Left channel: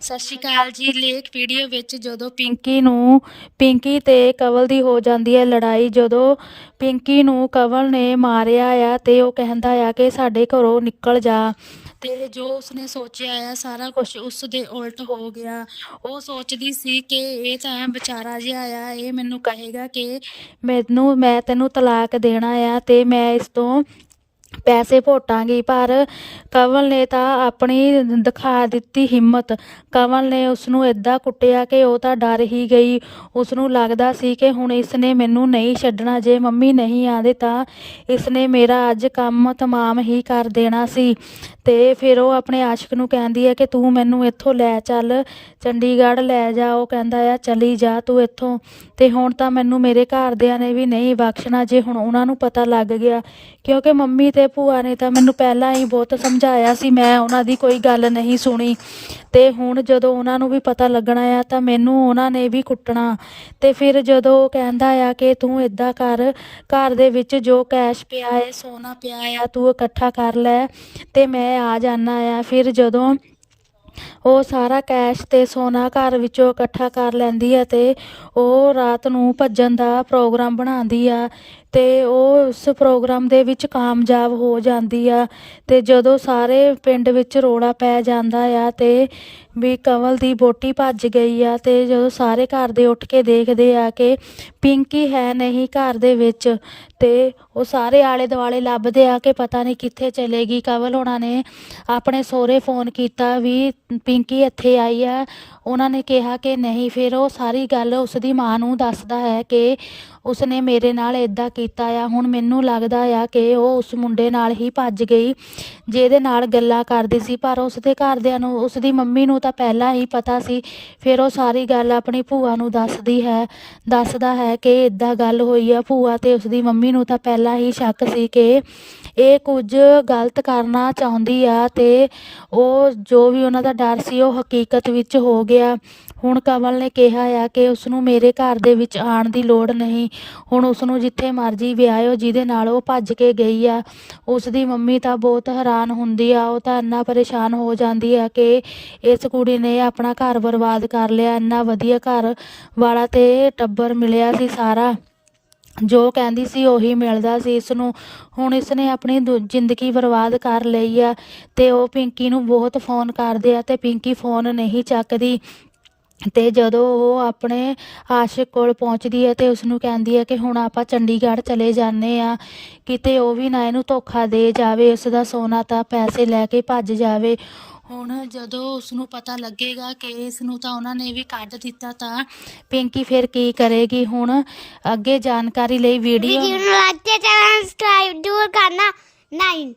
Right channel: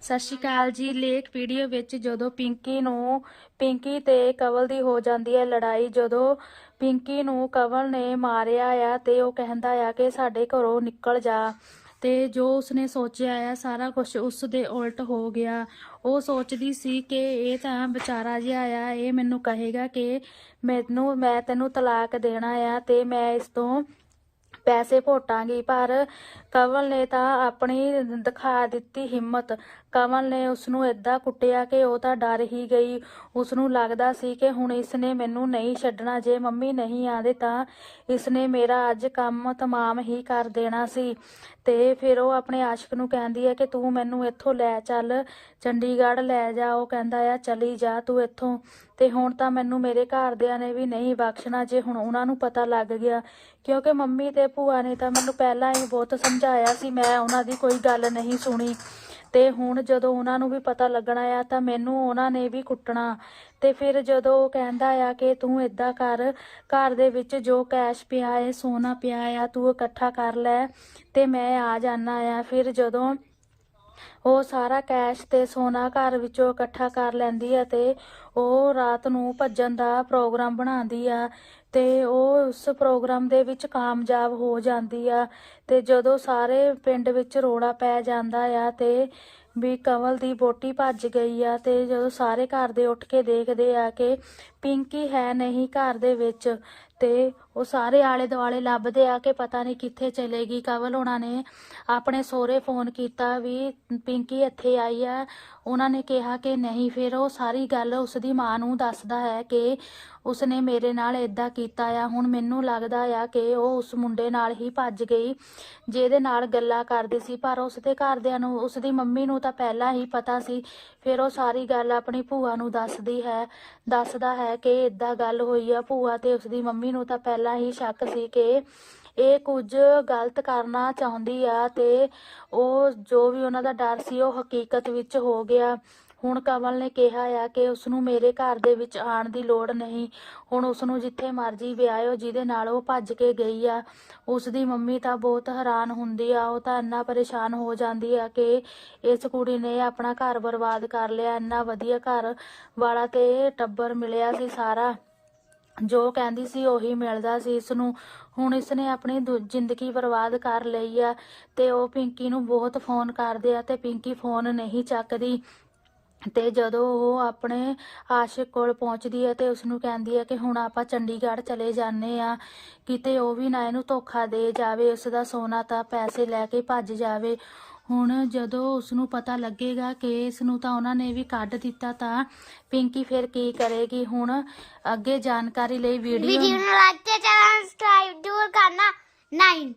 ਸਤਿ ਸ਼੍ਰੀ ਅਕਾਲ ਜੀ। ਲੇਖ ਵੀਡੀਓ ਵਿੱਚ ਜਦੋਂ ਪਿੰਕੀ ਨੂੰ, ਪਿੰਕੀ ਤੇ ਕਵਲ ਦੀ ਹੋ ਜਾਂਦੀ ਹੈ ਲੜਾਈ, ਜਦੋਂ ਪਿੰਕੀ ਨੂੰ ਕਵਲ ਨੇ ਮਾਰਿਆ ਆ ਤੇ ਉਹ ਕਹਿੰਦਾ ਆ ਕਿ ਸਾਡੇ ਘਰੋਂ ਨਿਕਲ ਜਾ। ਤੇ ਜੋ ਉਸਨੇ ਸੋਚਿਆ ਆ, ਸਾਰਾ ਕੁਝ ਉਸ ਦੇ ਉਲਟ ਹੋ ਗਿਆ। ਉਹ ਸੋਚਦੀ ਸੀ ਕਿ ਇਹ ਤਾਂ ਵਿਚਾਰਾ ਜਿਹਾ ਆ, ਇਹ ਮੈਨੂੰ ਕਹੇਗਾ ਕਿ ਮੈਨੂੰ, ਮੈਂ ਤੈਨੂੰ ਤਲਾਕ ਦੇਣਾ ਆ ਤੇ ਮੈਂ ਇਸ ਤੋਂ ਪੈਸੇ ਭੋਟਾਂਗੀ, ਪਰ ਕਵਲ ਨੇ ਤਾਂ ਆਪਣੀ ਦਿਖਾ ਦਿੱਤੀ ਹਿੰਮਤ। ਕਵਲ ਨੇ ਉਸ ਨੂੰ ਏਦਾਂ ਕੁੱਟਿਆ ਕਿ ਉਹ ਤਾਂ ਡਰ ਹੀ ਗਈ। ਉਸ ਨੂੰ ਲੱਗਦਾ ਸੀ ਕਿ ਹੁਣ ਇਸ ਨੇ ਮੈਨੂੰ ਨਹੀਂ ਛੱਡਣਾ, ਜੇ ਮੰਮੀ ਨਹੀਂ ਆਂਦੇ ਤਾਂ ਇਸ ਨੇ ਮੇਰਾ ਅੱਜ ਕੰਮ ਤਮਾਮ ਹੀ ਕਰ ਦੇਣਾ ਸੀ। ਤੇ ਫਿਰ ਉਹ ਆਪਣੇ ਆਸ਼ਿਕ ਨੂੰ ਕਹਿੰਦੀ ਹੈ ਕਿ ਤੂੰ ਮੈਨੂੰ ਇੱਥੋਂ ਲੈ ਚੱਲ, ਚੰਡੀਗੜ੍ਹ ਲੈ ਜਾ। ਉਹ ਕਹਿੰਦਾ ਆ, ਚਲੀ ਜਾ ਤੂੰ ਇੱਥੋਂ। ਤੇ ਹੁਣ ਤਾਂ ਮੈਨੂੰ ਮੇਰੇ ਘਰਦਿਆਂ ਨੇ ਵੀ ਨਹੀਂ ਬਖਸ਼ਣਾ, ਜੇ ਹੁਣ ਉਹਨਾਂ ਨੂੰ ਪਤਾ ਲੱਗ ਗਿਆ। ਕਿਉਂਕਿ ਮੰਮੀ ਤੇ ਭੂਆ ਨੇ ਤਾਂ ਮੈਨੂੰ ਪਹਿਲਾਂ ਹੀ ਬਹੁਤ ਸਮਝਾਇਆ ਸੀ, ਮੈਂ ਉਹਨਾਂ ਦੀ ਕੋਈ ਗੱਲ ਨਹੀਂ ਸੁਣੀ। ਤੇ ਹੁਣ ਜਦੋਂ ਉਹਨਾਂ ਨੂੰ ਵੀ ਪਤਾ ਲੱਗਣਾ ਆ, ਤਾਂ ਮੈਨੂੰ ਉਹਨਾਂ ਨੇ ਵੀ ਕੁੱਟਣਾ। ਤੇ ਫਿਰ ਜਦੋਂ ਉਹ ਕਹਿੰਦਾ ਆ ਕਿ ਤੂੰ ਇਦਾਂ ਕਰ, ਘਰ ਦੇ ਵਿੱਚ ਜੋ ਕੈਸ਼ ਪਿਆ ਹੈ ਸੋਨਾ ਪਿਆ ਆ, ਤੂੰ ਇਕੱਠਾ ਕਰ ਲੈ ਤੇ ਮੈਂ ਆ ਜਾਣਾ ਆ। ਫਿਰ ਜਦੋਂ ਉਹ ਸਾਰਾ ਕੈਸ਼ ਤੇ ਸੋਨਾ ਘਰ ਵਿੱਚੋਂ ਇਕੱਠਾ ਕਰ ਲੈਂਦੀ ਆ ਤੇ ਉਹ ਰਾਤ ਨੂੰ ਭੱਜਣ ਦਾ ਪ੍ਰੋਗਰਾਮ ਬਣਾਉਂਦੀ ਆ ਤੇ ਉਹ ਉਸ ਪ੍ਰੋਗਰਾਮ ਦੇ ਵਿੱਚ ਕਾਮਯਾਬ ਹੋ ਜਾਂਦੀ ਆ ਤੇ ਜਦੋਂ ਸਾਰੇ ਪਿੰਡ ਵਿੱਚ ਰੋਲਾ ਪੈ ਜਾਂਦਾ ਆ ਤੇ ਵੀ ਕਵਲ ਦੀ ਬੋਟੀ ਭੱਜ ਗਈ ਆ ਤੇ ਜਦੋਂ ਸਾਰੇ ਘਰ ਦੇ ਉੱਠ ਕੇ ਦੇਖਦੇ ਆ ਕਿ ਪਿੰਕੀ ਹੈ ਨਹੀਂ ਘਰ ਦੇ ਵਿੱਚ ਤੇ ਉਹ ਸਾਰੇ ਆਲੇ ਦੁਆਲੇ ਲੱਭਦੇ ਆ ਕਿ ਪਤਾ ਨਹੀਂ ਕਿੱਥੇ ਚਲੇਗੀ ਕਵਲ ਉਹਨਾਂ ਨੇ ਆਪਣੇ ਸਹੁਰੇ ਫੋਨ ਕੀਤਾ ਵੀ ਪਿੰਕੀ ਇੱਥੇ ਆਈ ਆ ਉਹਨਾਂ ਨੇ ਕਿਹਾ ਕਿ ਨਹੀਂ, ਫਿਰ ਉਹ ਸਾਰੀ ਗੱਲ ਉਸ ਦੀ ਮਾਂ ਨੂੰ ਦੱਸਦਾ ਹੈ ਕਿ ਉਸਨੇ ਮੇਰੇ ਨਾਲ ਇਦਾਂ ਕੀਤਾ ਆ। ਹੁਣ ਮੈਨੂੰ ਲੱਗਦਾ ਆ ਕਿ ਉਹ ਉਸ ਮੁੰਡੇ ਨਾਲ ਹੀ ਭੱਜ ਗਈ, ਜਿਹਦੇ ਨਾਲ ਗੱਲਾਂ ਕਰਦੀ ਸੀ। ਪਰ ਉਸਦੇ ਘਰਦਿਆਂ ਨੂੰ, ਉਸਦੀ ਮੰਮੀ ਨੂੰ ਤਾਂ ਪਹਿਲਾਂ ਹੀ ਪਤਾ ਸੀ। ਫਿਰ ਉਹ ਸਾਰੀ ਗੱਲ ਆਪਣੀ ਭੂਆ ਨੂੰ ਦੱਸਦੀ ਹੈ, ਦੱਸਦਾ ਹੈ ਕਿ ਇਦਾਂ ਗੱਲ ਹੋਈ ਆ। ਭੂਆ ਤੇ ਉਸਦੀ ਮੰਮੀ ਨੂੰ ਤਾਂ ਪਹਿਲਾਂ ਹੀ ਸ਼ੱਕ ਸੀ ਕਿ ਇਹ ਕੁਝ ਗਲਤ ਕਰਨਾ ਚਾਹੁੰਦੀ ਆ ਤੇ ਉਹ ਜੋ ਵੀ ਉਹਨਾਂ ਦਾ ਡਰ ਸੀ, ਉਹ ਹਕੀਕਤ ਵਿੱਚ ਹੋ ਗਿਆ। ਹੁਣ ਕਮਲ ਨੇ ਕਿਹਾ ਆ ਕਿ ਉਸ ਨੂੰ ਮੇਰੇ ਘਰ ਦੇ ਵਿੱਚ ਆਉਣ ਦੀ ਲੋੜ ਨਹੀਂ। ਹੁਣ ਉਸ ਨੂੰ ਜਿੱਥੇ ਮਰਜ਼ੀ ਵਿਆਹਿਓ, ਜਿਹਦੇ ਨਾਲ ਉਹ ਭੱਜ ਕੇ ਗਈ ਆ। ਉਸ ਦੀ ਮੰਮੀ ਤਾਂ ਬਹੁਤ ਹੈਰਾਨ ਹੁੰਦੀ ਆ। ਉਹ ਤਾਂ ਇੰਨਾ ਪਰੇਸ਼ਾਨ ਹੋ ਜਾਂਦੀ ਆ ਕਿ ਇਸ ਕੁੜੀ ਨੇ ਆਪਣਾ ਘਰ ਬਰਬਾਦ ਕਰ ਲਿਆ। ਇੰਨਾ ਵਧੀਆ ਘਰ ਵਾਲਾ ਤੇ ਟੱਬਰ ਮਿਲਿਆ ਸੀ ਸਾਰਾ। ਜੋ ਕਹਿੰਦੀ ਸੀ ਉਹੀ ਮਿਲਦਾ ਸੀ ਇਸ ਨੂੰ ਹੁਣ ਇਸ ਨੇ ਆਪਣੀ ਦੁ- ਜ਼ਿੰਦਗੀ ਬਰਬਾਦ ਕਰ ਲਈ ਆ ਤੇ ਉਹ ਪਿੰਕੀ ਨੂੰ ਬਹੁਤ ਫੋਨ ਕਰਦੇ ਆ ਤੇ ਪਿੰਕੀ ਫੋਨ ਨਹੀਂ ਚੱਕਦੀ। ਤੇ ਜਦੋਂ ਉਹ ਆਪਣੇ ਆਸ਼ਿਕ ਕੋਲ ਪਹੁੰਚਦੀ ਹੈ ਤੇ ਉਸ ਨੂੰ ਕਹਿੰਦੀ ਹੈ ਕਿ ਹੁਣ ਆਪਾਂ ਚੰਡੀਗੜ੍ਹ ਚਲੇ ਜਾਂਦੇ ਆ, ਕਿਤੇ ਉਹ ਵੀ ਨਾ ਇਹਨੂੰ ਧੋਖਾ ਦੇ ਜਾਵੇ ਉਸ ਦਾ ਸੋਨਾ ਤਾਂ ਪੈਸੇ ਲੈ ਕੇ ਭੱਜ ਜਾਵੇ। ਹੁਣ ਜਦੋਂ ਉਸ ਨੂੰ ਪਤਾ ਲੱਗੇਗਾ ਕਿ ਇਸ ਨੂੰ ਤਾਂ ਉਹਨਾਂ ਨੇ ਵੀ ਕੱਢ ਦਿੱਤਾ ਤਾਂ ਪਿੰਕੀ ਫਿਰ ਕੀ ਕਰੇਗੀ? ਹੁਣ ਅੱਗੇ ਜਾਣਕਾਰੀ ਲਈ ਵੀਡੀਓ ਵੀਡੀਓ ਨੂੰ ਲਾਈਕ ਤੇ ਸਬਸਕ੍ਰਾਈਬ ਜ਼ਰੂਰ ਕਰਨਾ। 9